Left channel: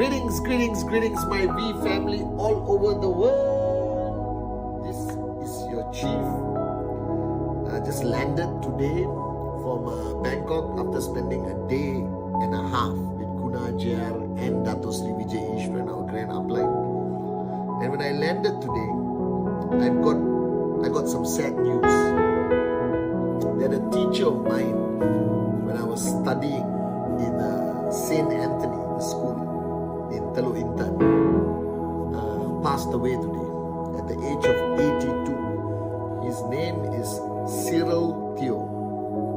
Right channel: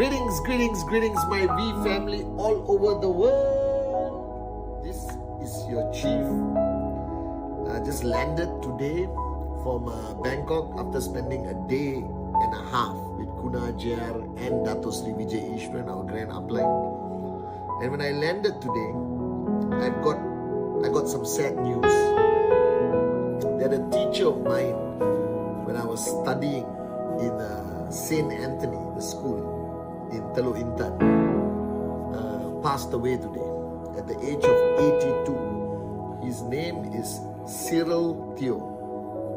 Greetings, my V family all over the world. This is your chief. I just landed today from Bangkok after spending a day and a half with Guna JR and Dato Sri Vijay Ishwaran, our grand upline. And when I landed today, I got some sad news. That a teacher of mine, when I was studying in St. Anthony, the school in Teluk Intan, passed away today at the age of 82. His name is Cyril Teo.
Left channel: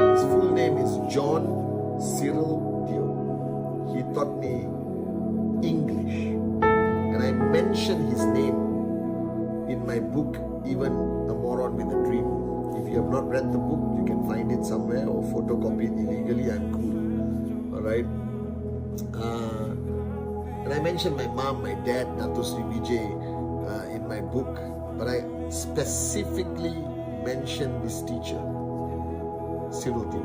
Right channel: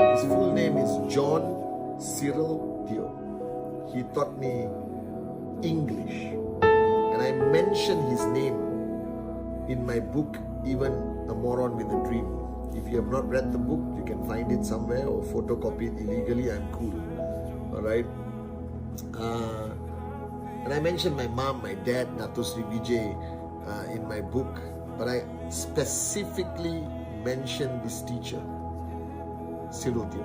His full name is John Cyril Teo. He taught me English, and I mentioned his name in my book, Even a Moron with a Dream. If you have not read the book, you can find it somewhere or photocopy it illegally. I'm cool. Alright? And I mentioned my mom, my dad, Dato Sri Vijay in my book. But I specifically mentioned this teacher, Cyril Teo.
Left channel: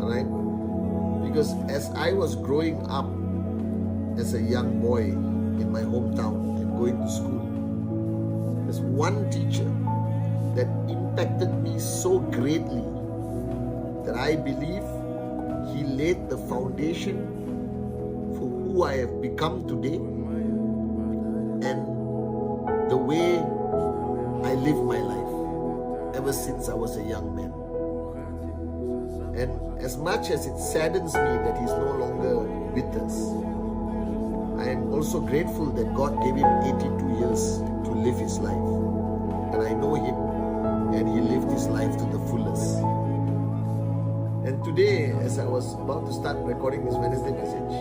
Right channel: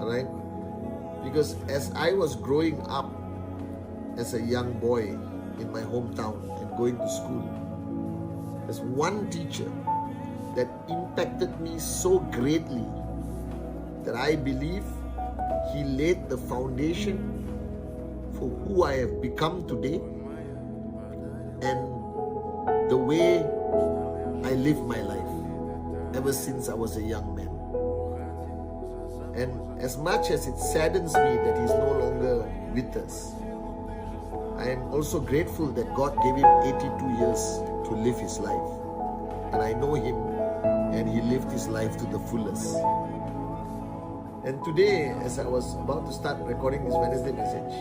Alright? Because as I was growing up as a young boy in my hometown and going to school, there's one teacher that impacted me so greatly that I believe he laid the foundation for who I have become today and the way I live my life ever since I was a young man. And as much as it saddens me that he's no longer with us, I am also grateful that God gave him 82 years to live his life. And I know him, and he lived his life to the fullest. And today, as I was about to start recording this Wednesday message,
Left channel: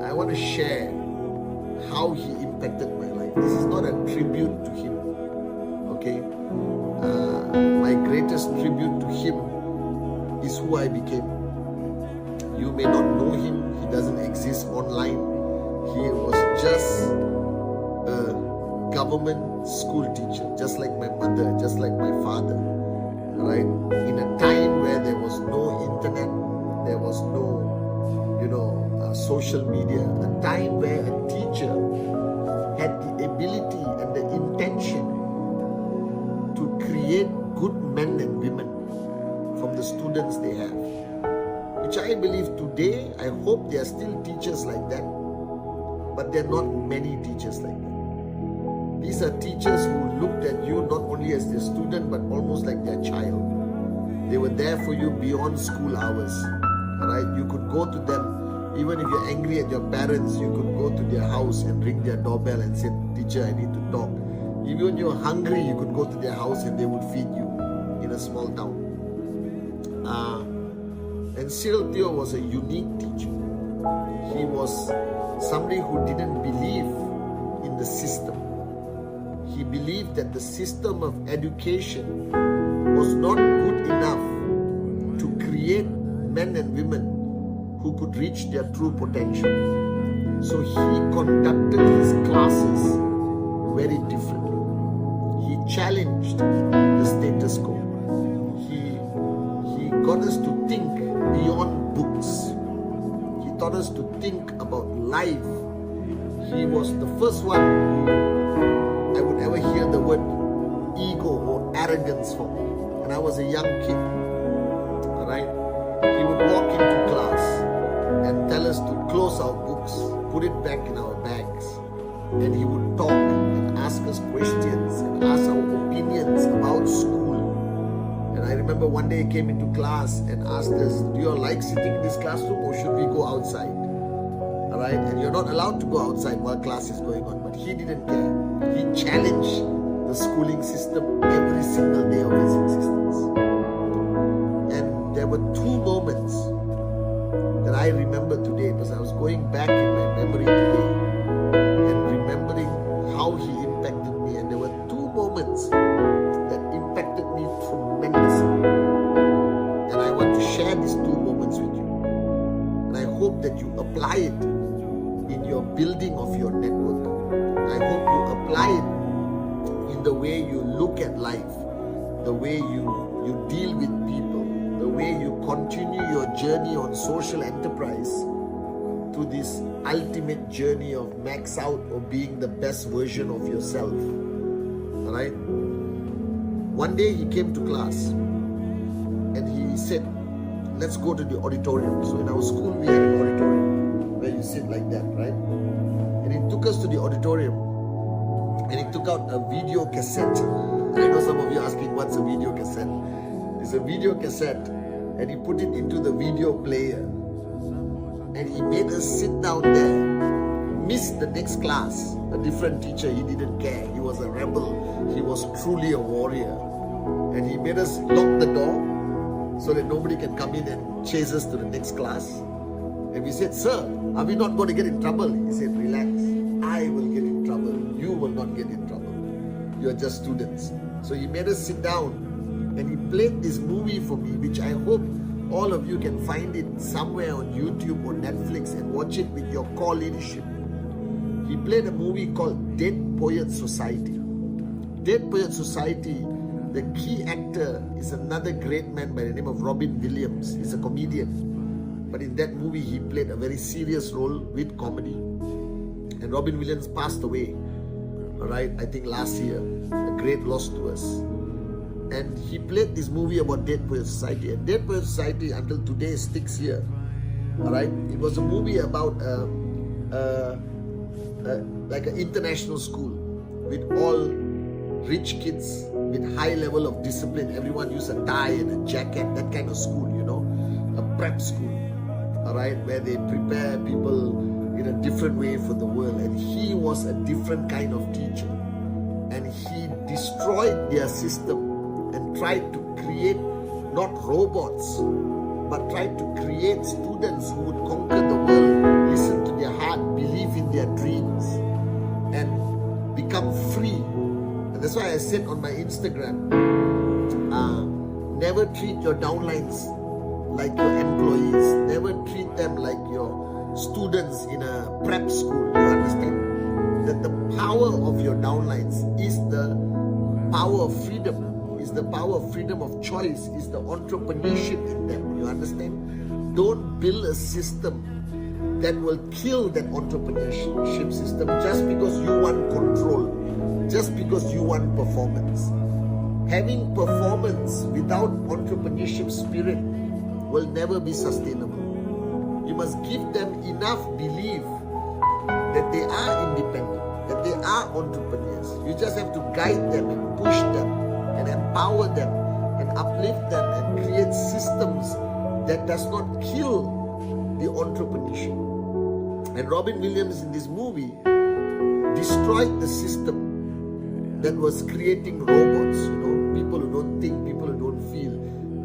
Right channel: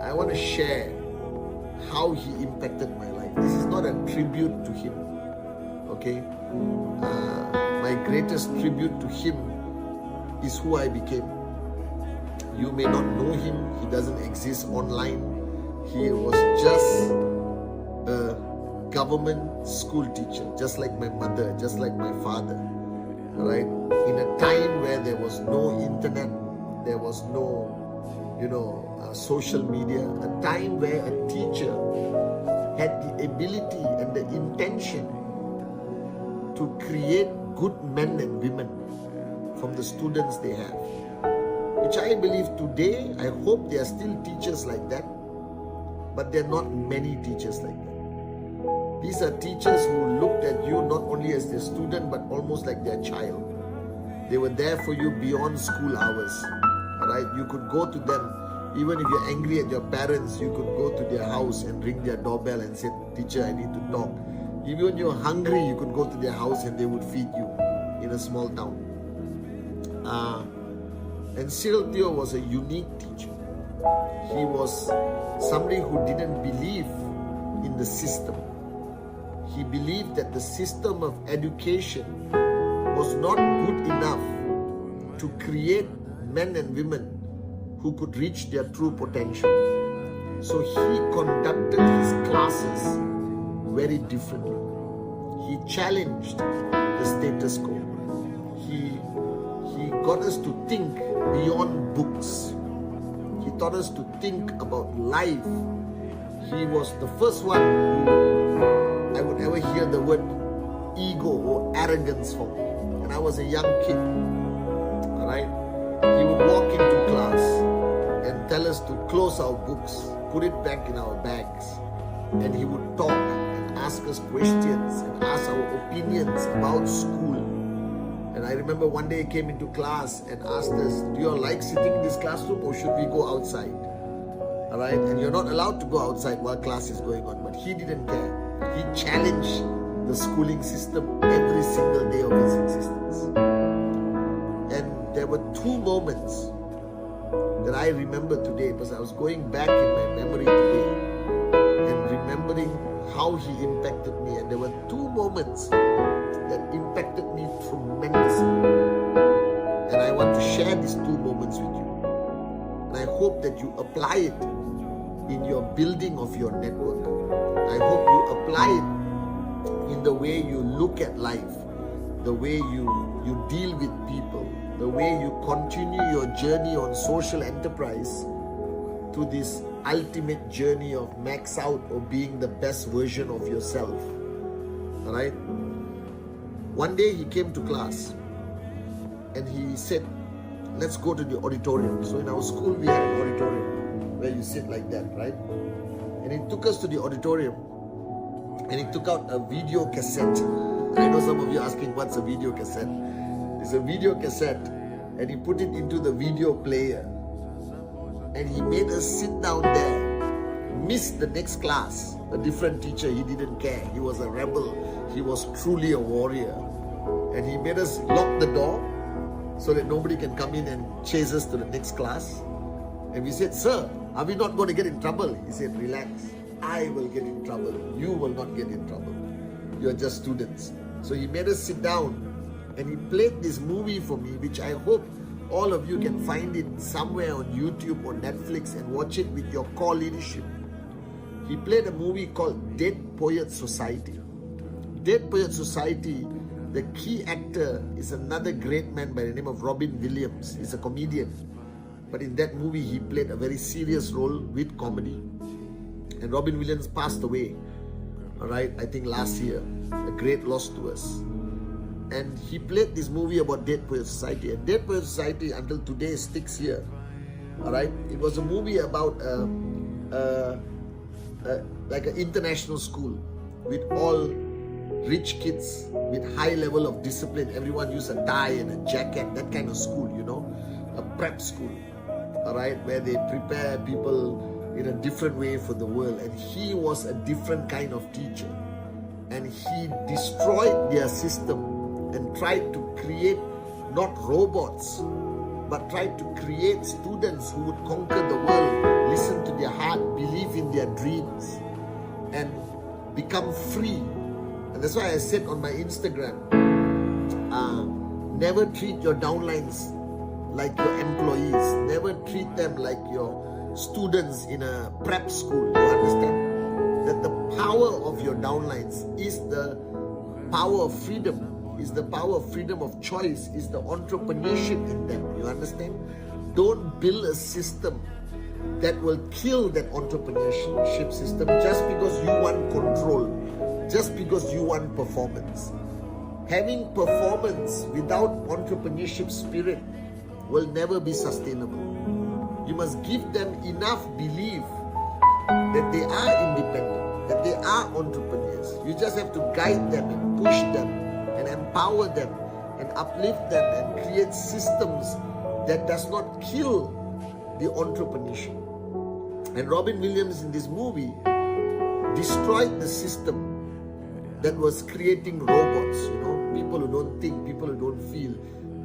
I want to share how he impacted my life. This is not a tribute to him, okay? My greatest tribute to him is who I became. You may not know him. He doesn't exist online. He was just a government school teacher, just like my mother, just like my father, right? In a time where there was no internet, there was no, social media, a time where a teacher had the ability and the intention to create good men and women from the students they have, which I believe today, I hope there are still teachers like that, but there are not many teachers like that. These are teachers who looked at you not only as their student, but almost like their child. They were there for you beyond school hours. Alright, you could go to them, even if you're angry at your parents, you could go to their house and ring their doorbell and say, "Teacher, I need to talk." Even when you're hungry, you could go to their house and they would feed you in a small town. And Cyril Teo was a unique teacher. He was somebody who didn't believe in the system. He believed that the system of education was not good enough to create men and women who could reach their true potential. So he conducted his classes very differently. He challenged the status quo. He got us to think beyond books. He taught us to think about life. He was the first one who I would ever hear the word ego or arrogance from. And I was a young kid. Alright? He would walk into class and tell us to close our books, put it back in our bags. And he would talk and ask us questions and ask our opinions about school. And I remember one day he came into class and asked us, "Do you all like sitting in this classroom or should we go outside?" Alright? And you're not allowed to go outside while class is going on. But he didn't care. He challenged the schooling system every single day of his existence. And there were two moments that I remember today, because I was going back in my memory today and remembering how he impacted me. And there were two moments that impacted me tremendously. And I want to share these two moments with you. And I hope that you apply it in your building of your network. I hope you apply it in the way you look at life, the way you deal with people, the way you continue your journey on social enterprise to this ultimate journey of max out or being the best version of yourself. Alright? One day he came to class and he said, let's go to the auditorium. So in our school we had an auditorium where you sit like that, right? And he took us to the auditorium and he took out a video cassette. I know some of you are asking, what's a video cassette? It's a video cassette, and he put it into the video player. And he made us sit down there, miss the next class. A different teacher, he didn't care. He was a rebel. He was truly a warrior. And he made us lock the door so that nobody can come in and chase us to the next class. And we said, sir, are we not going to get in trouble? He said, relax. I will get in trouble. You will not get in trouble. You are just students. So he made us sit down and he played this movie for me, which I hope all of you can find it somewhere on YouTube or Netflix and watch it with your core leadership. He played a movie called Dead Poets Society. Dead Poets Society, the key actor is another great man by the name of Robin Williams. He's a comedian. But in that movie, he played a very serious role with comedy. And Robin Williams passed away, alright, I think last year. A great loss to us. And he played this movie about Dead Poets Society. And Dead Poets Society until today sticks here. Alright? It was a movie about like an international school with all rich kids with high level of discipline. Everyone used a tie and a jacket, that kind of school, you know, a prep school, all right, where they prepare people in a different way for the world. And he was a different kind of teacher, and he destroyed their system and tried to create not robots, but tried to create students who would conquer the world, listen to their heart, believe in their dreams, and become free. And that's why I said on my Instagram, never treat your downlines like your employees. Never treat them like your students in a prep school. You understand? That the power of your downlines is the power of freedom, is the power of freedom of choice, is the entrepreneurship in them. You understand? Don't build a system that will kill that entrepreneurship system just because you want control, just because you want performance. Having performance without entrepreneurship spirit will never be sustainable. You must give them enough belief that they are independent, that they are entrepreneurs. You just have to guide them and push them and empower them and uplift them and create systems that does not kill the entrepreneurship. And Robin Williams in this movie destroyed the system that was creating robots, you know, people who don't think, people who don't feel.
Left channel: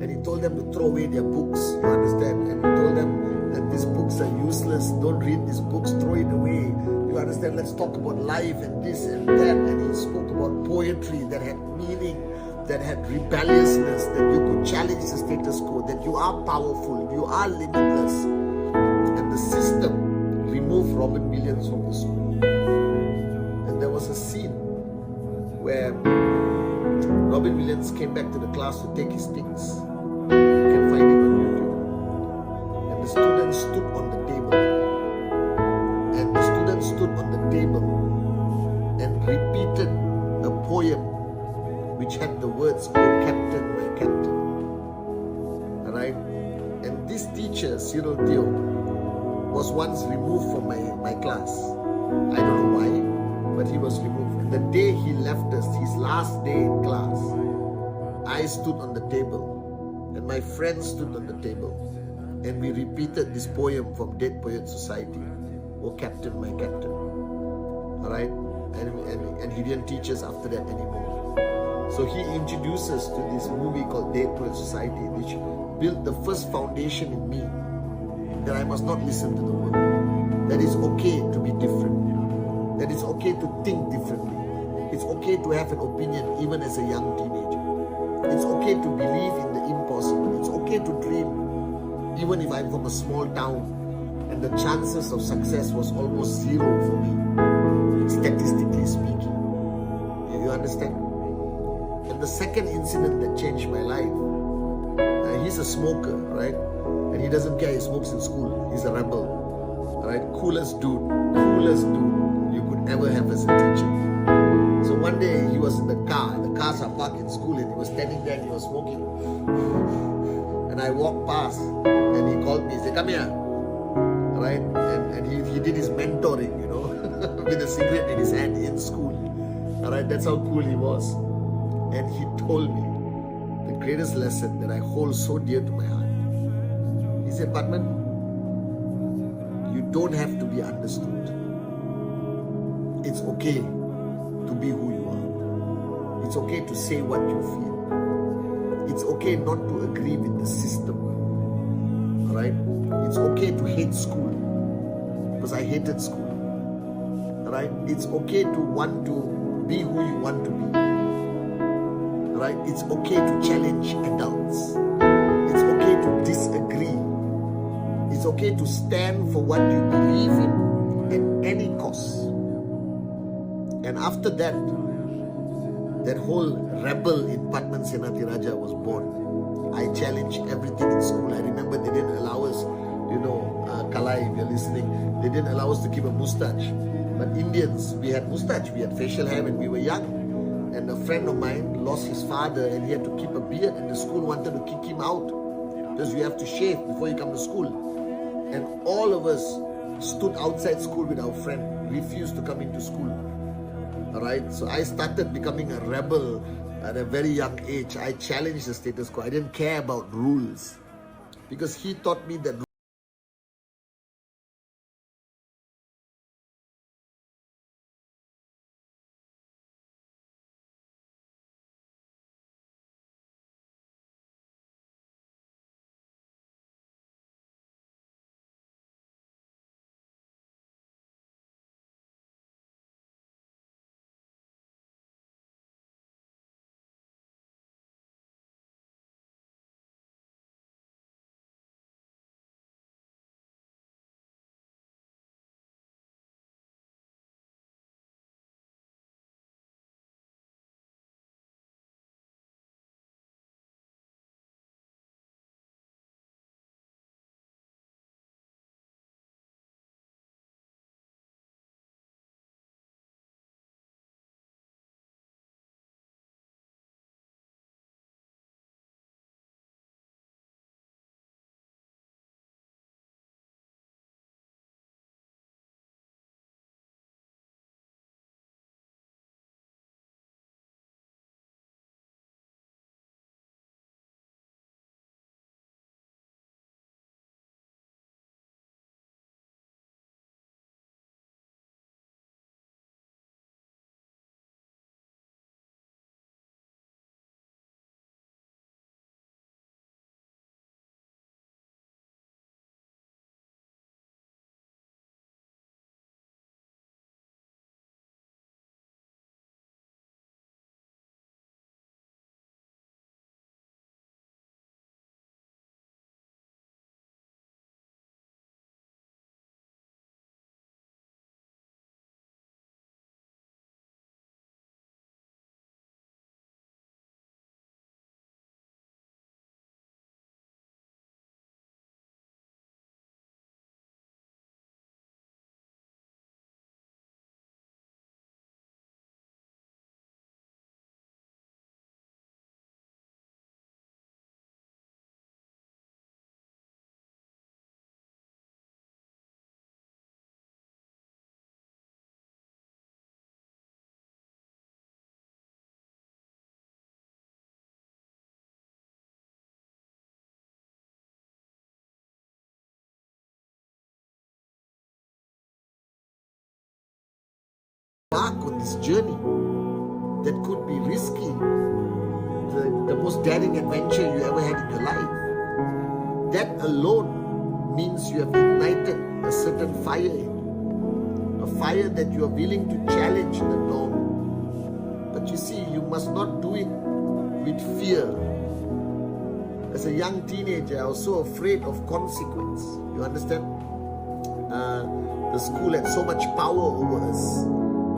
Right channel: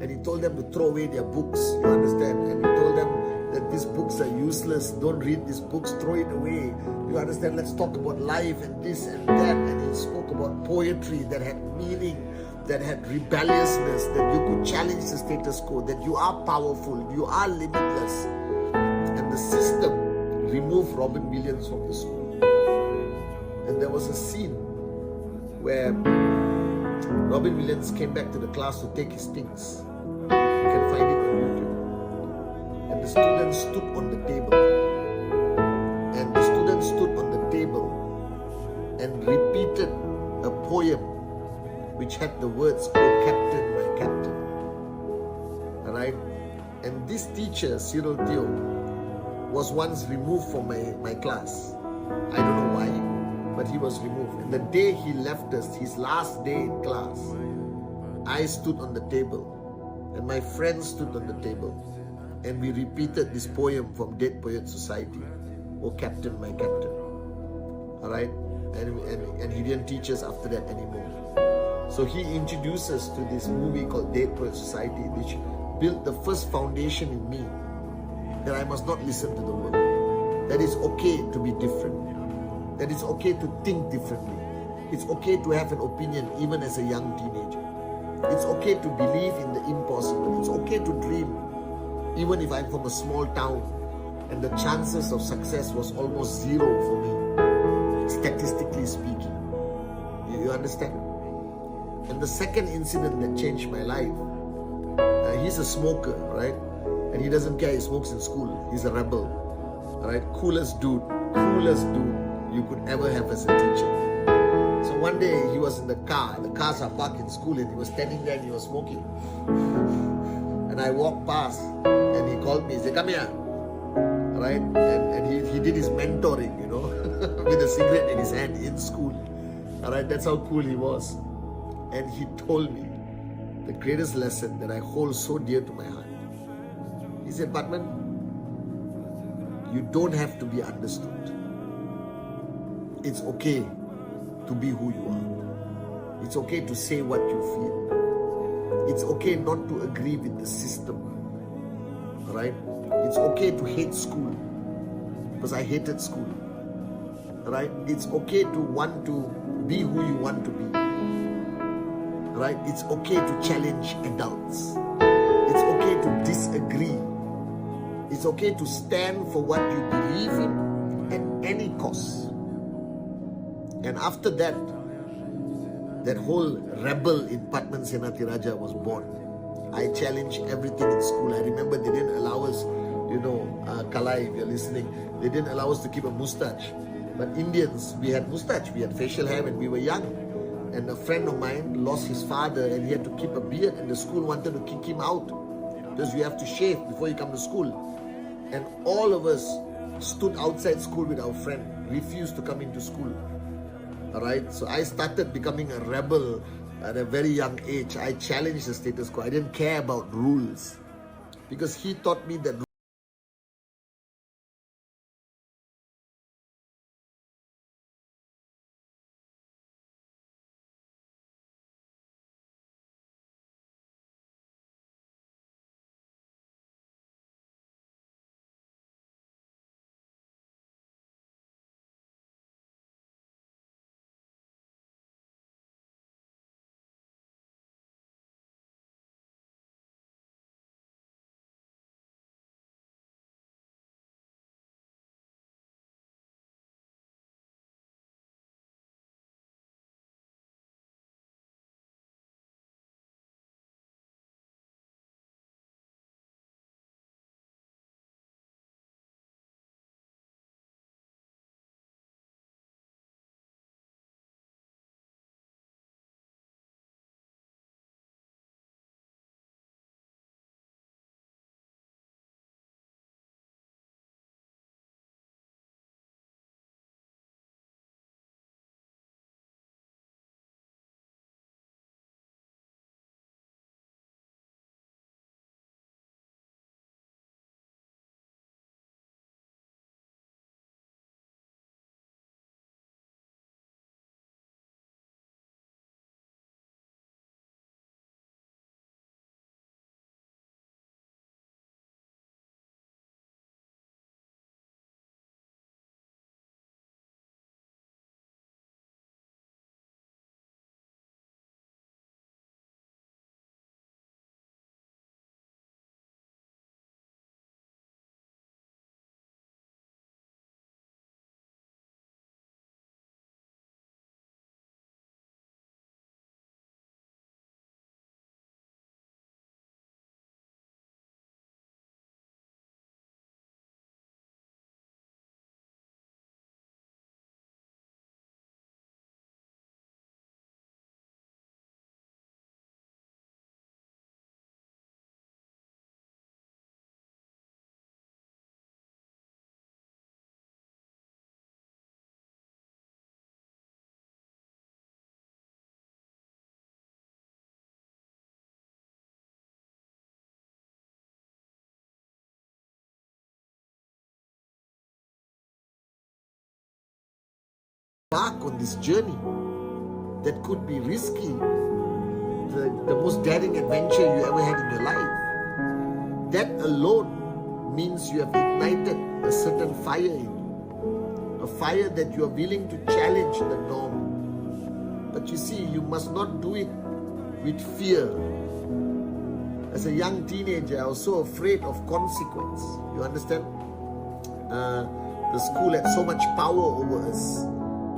And he told them to throw away their books, you understand? And he told them that these books are useless, don't read these books, throw it away. You understand? Let's talk about life and this and that. And he spoke about poetry that had meaning, that had rebelliousness, that you could challenge the status quo, that you are powerful, you are limitless. And the system removed Robin Williams from the school. And there was a scene where Robin Williams came back to the class to take his things. You can find it on YouTube. And the students stood on the table. And the students stood on the table and repeated a poem which had the words, "Oh Captain, my Captain." Alright? And this teacher, Cyril Theo, was once removed from my class. I don't know why, but he was removed. And the day he left us, his last day in class, I stood on the table and my friends stood on the table and we repeated this poem from Dead Poets Society, "Oh Captain, my Captain." Alright? And he didn't teach us after that anymore. So he introduced us to this movie called Dead Poets Society, which built the first foundation in me that I must not listen to the world. That it's okay to be different. That it's okay to think differently. It's okay to have an opinion even as a young teenager. It's okay to believe in the impossible. It's okay to dream even if I'm from a small town and the chances of success was almost zero for me, statistically speaking. You understand? And the second incident that changed my life, he's a smoker, right? And he doesn't care, he smokes in school. He's a rebel. Alright, coolest dude you could ever have as a teacher. So one day he was in the cars are parked in school, and he was standing there and he was smoking. And I walked past and he called me, he said, "Come here." Right? And he did his mentoring, you know, with a cigarette in his hand in school. Alright, that's how cool he was. And he told me the greatest lesson that I hold so dear to my heart. He said, "Padman, you don't have to be understood. It's okay to be who you are. It's okay to say what you feel. It's okay not to agree with the system. Alright? It's okay to hate school, because I hated school. Alright? It's okay to want to be who you want to be. Alright? It's okay to challenge adults. It's okay to disagree. It's okay to stand for what you believe in at any cost." And after that, that whole rebel in Padman Senatiraja was born. I challenged everything in school. I remember they didn't allow us, Kalai, if you're listening, they didn't allow us to keep a mustache. But Indians, we had mustache, we had facial hair when we were young. And a friend of mine lost his father and he had to keep a beard, and the school wanted to kick him out because you have to shave before you come to school. And all of us stood outside school with our friend, refused to come into school. Alright, so I started becoming a rebel at a very young age. I challenged the status quo. I didn't care about rules, because he taught me that embark on this journey that could be risky, the most daring adventure you ever had in your life. That alone means you have ignited a certain fire in you, a fire that you are willing to challenge the norm. But you see, you must not do it with fear. As a young teenager, I was so afraid of consequence. You understand? The school had so much power over us.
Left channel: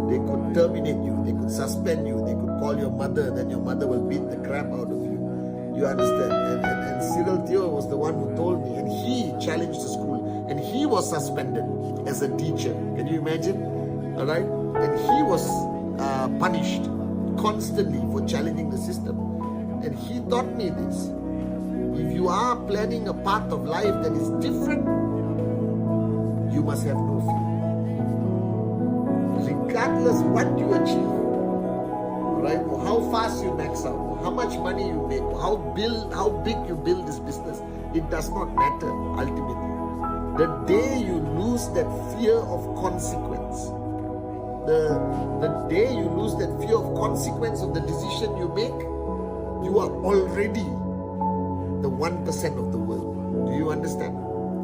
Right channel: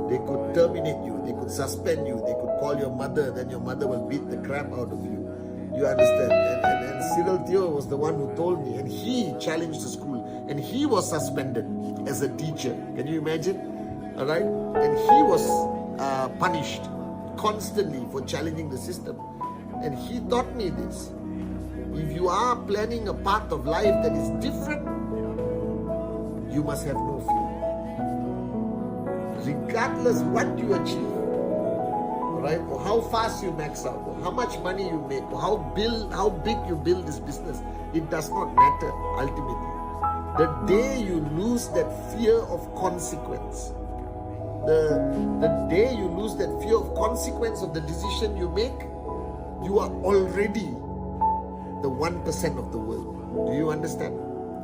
They could terminate you, they could suspend you, they could call your mother, then your mother will beat the crap out of you. You understand? And Cyril Theo was the one who told me, and he challenged the school, and he was suspended as a teacher. Can you imagine? All right? And he was punished constantly for challenging the system. And he taught me this. If you are planning a path of life that is different, you must have no fear. Regardless what you achieve, right? Or how fast you max out, or how much money you make, or how big you build this business, it does not matter ultimately. The day you lose that fear of consequence, the day you lose that fear of consequence of the decision you make, you are already the 1% of the world. Do you understand?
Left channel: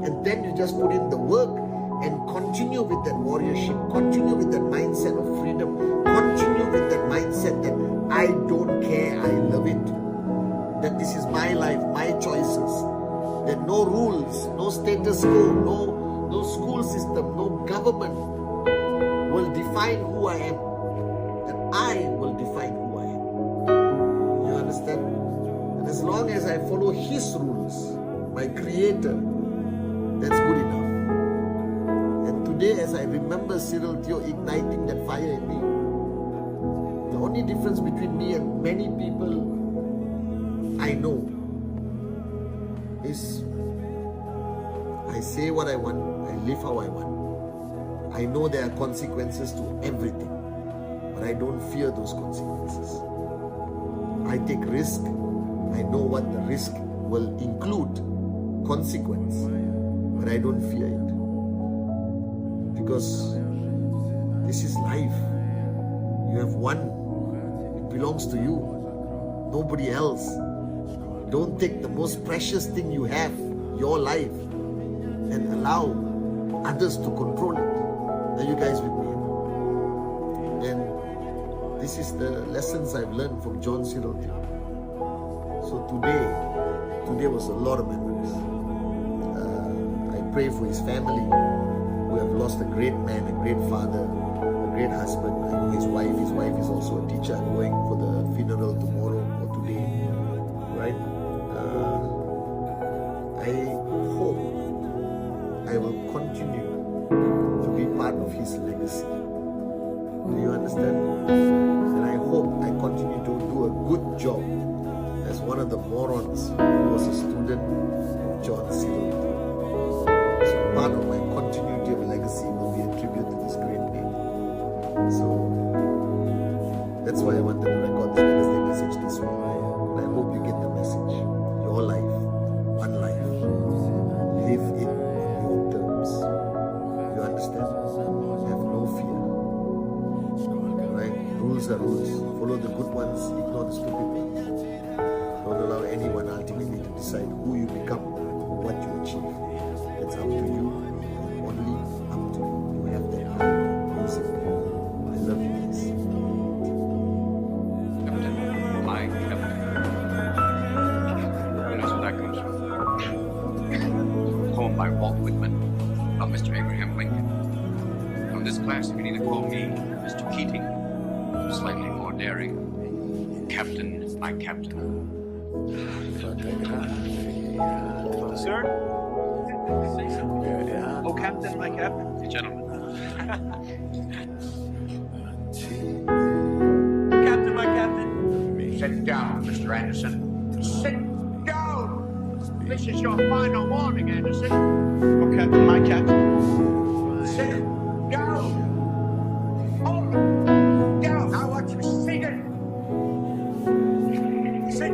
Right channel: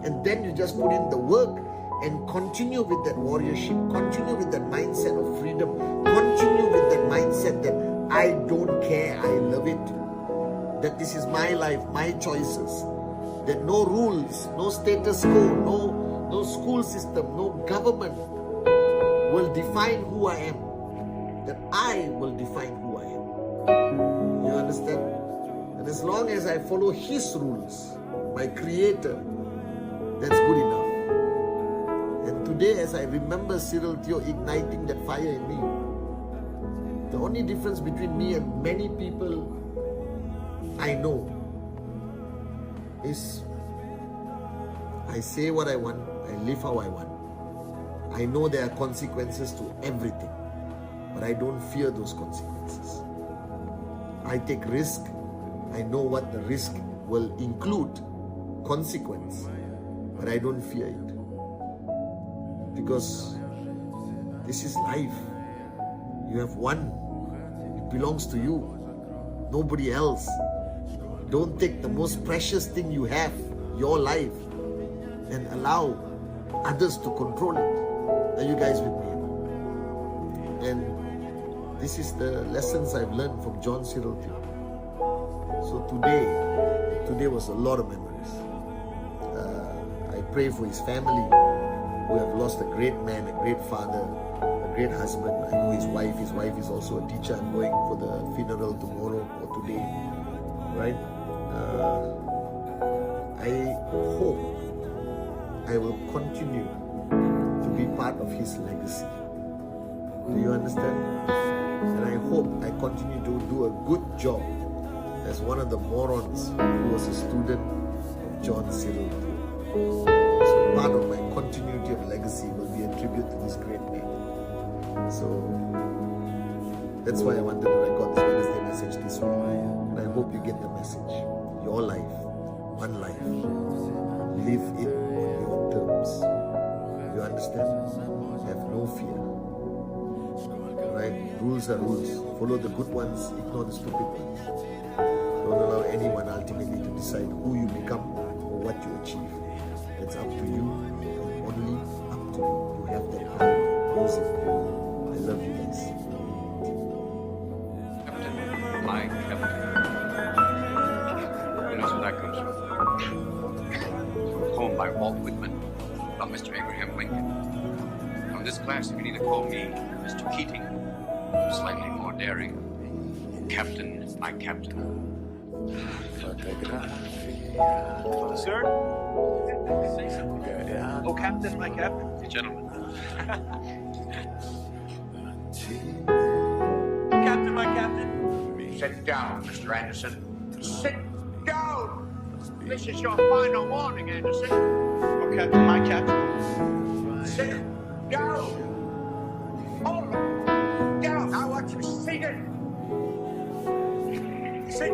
And then you just put in the work and continue with that warriorship, continue with that mindset of freedom, continue with that mindset that I don't care, I love it, that this is my life, my choices, that no rules, no status quo, no school system, no government will define who I am, that I will define who I am. You understand? And as long as I follow His rules, my Creator, that's good enough. And today, as I remember Cyril Theo igniting that fire in me, the only difference between me and many people I know is I say what I want, I live how I want. I know there are consequences to everything, but I don't fear those consequences. I take risk. I know what the risk will include, consequence, but I don't fear it. Because this is life. You have one. It belongs to you. Nobody else. Don't take the most precious thing you have, your life, and allow others to control it. Are you guys with me? And this is the lessons I've learned from John Cyril Theo. So today was a lot of memories. I pray for his family, who have lost a great man, a great father, a great husband. I know his wife is also a teacher. I'm going for the funeral tomorrow or today, right? I hope I will continue to be part of his legacy. Do you understand? And I hope I continue to do a good job as one of the morons who was a student of John Cyril Theo. So part of my continuity of legacy will be a tribute to this great man. So that's why I wanted to record this Wednesday message this way. And I hope you get the message. Your life, one life. Live it on your terms. You understand? Have no fear. Right? Rules are rules. Follow the good ones, ignore the stupid ones. Don't allow anyone ultimately to decide who you become or what you achieve. That's up to you, and only up to you. You have that power. Use it. I love you guys. Captain, my captain. Who knows where that comes from? A poem by Walt Whitman about Mr. Abraham Lincoln. From this class, you can either call me Mr. Keating, or slightly more daring, Captain, my captain. Sir? Say something. Oh, Captain, my captain. Gentlemen. Captain, my captain. Sit down, Mr. Anderson. Sit down! This is your final warning, Anderson. Oh, Captain, my captain. Sit down! Hold down! I want you seated! Sit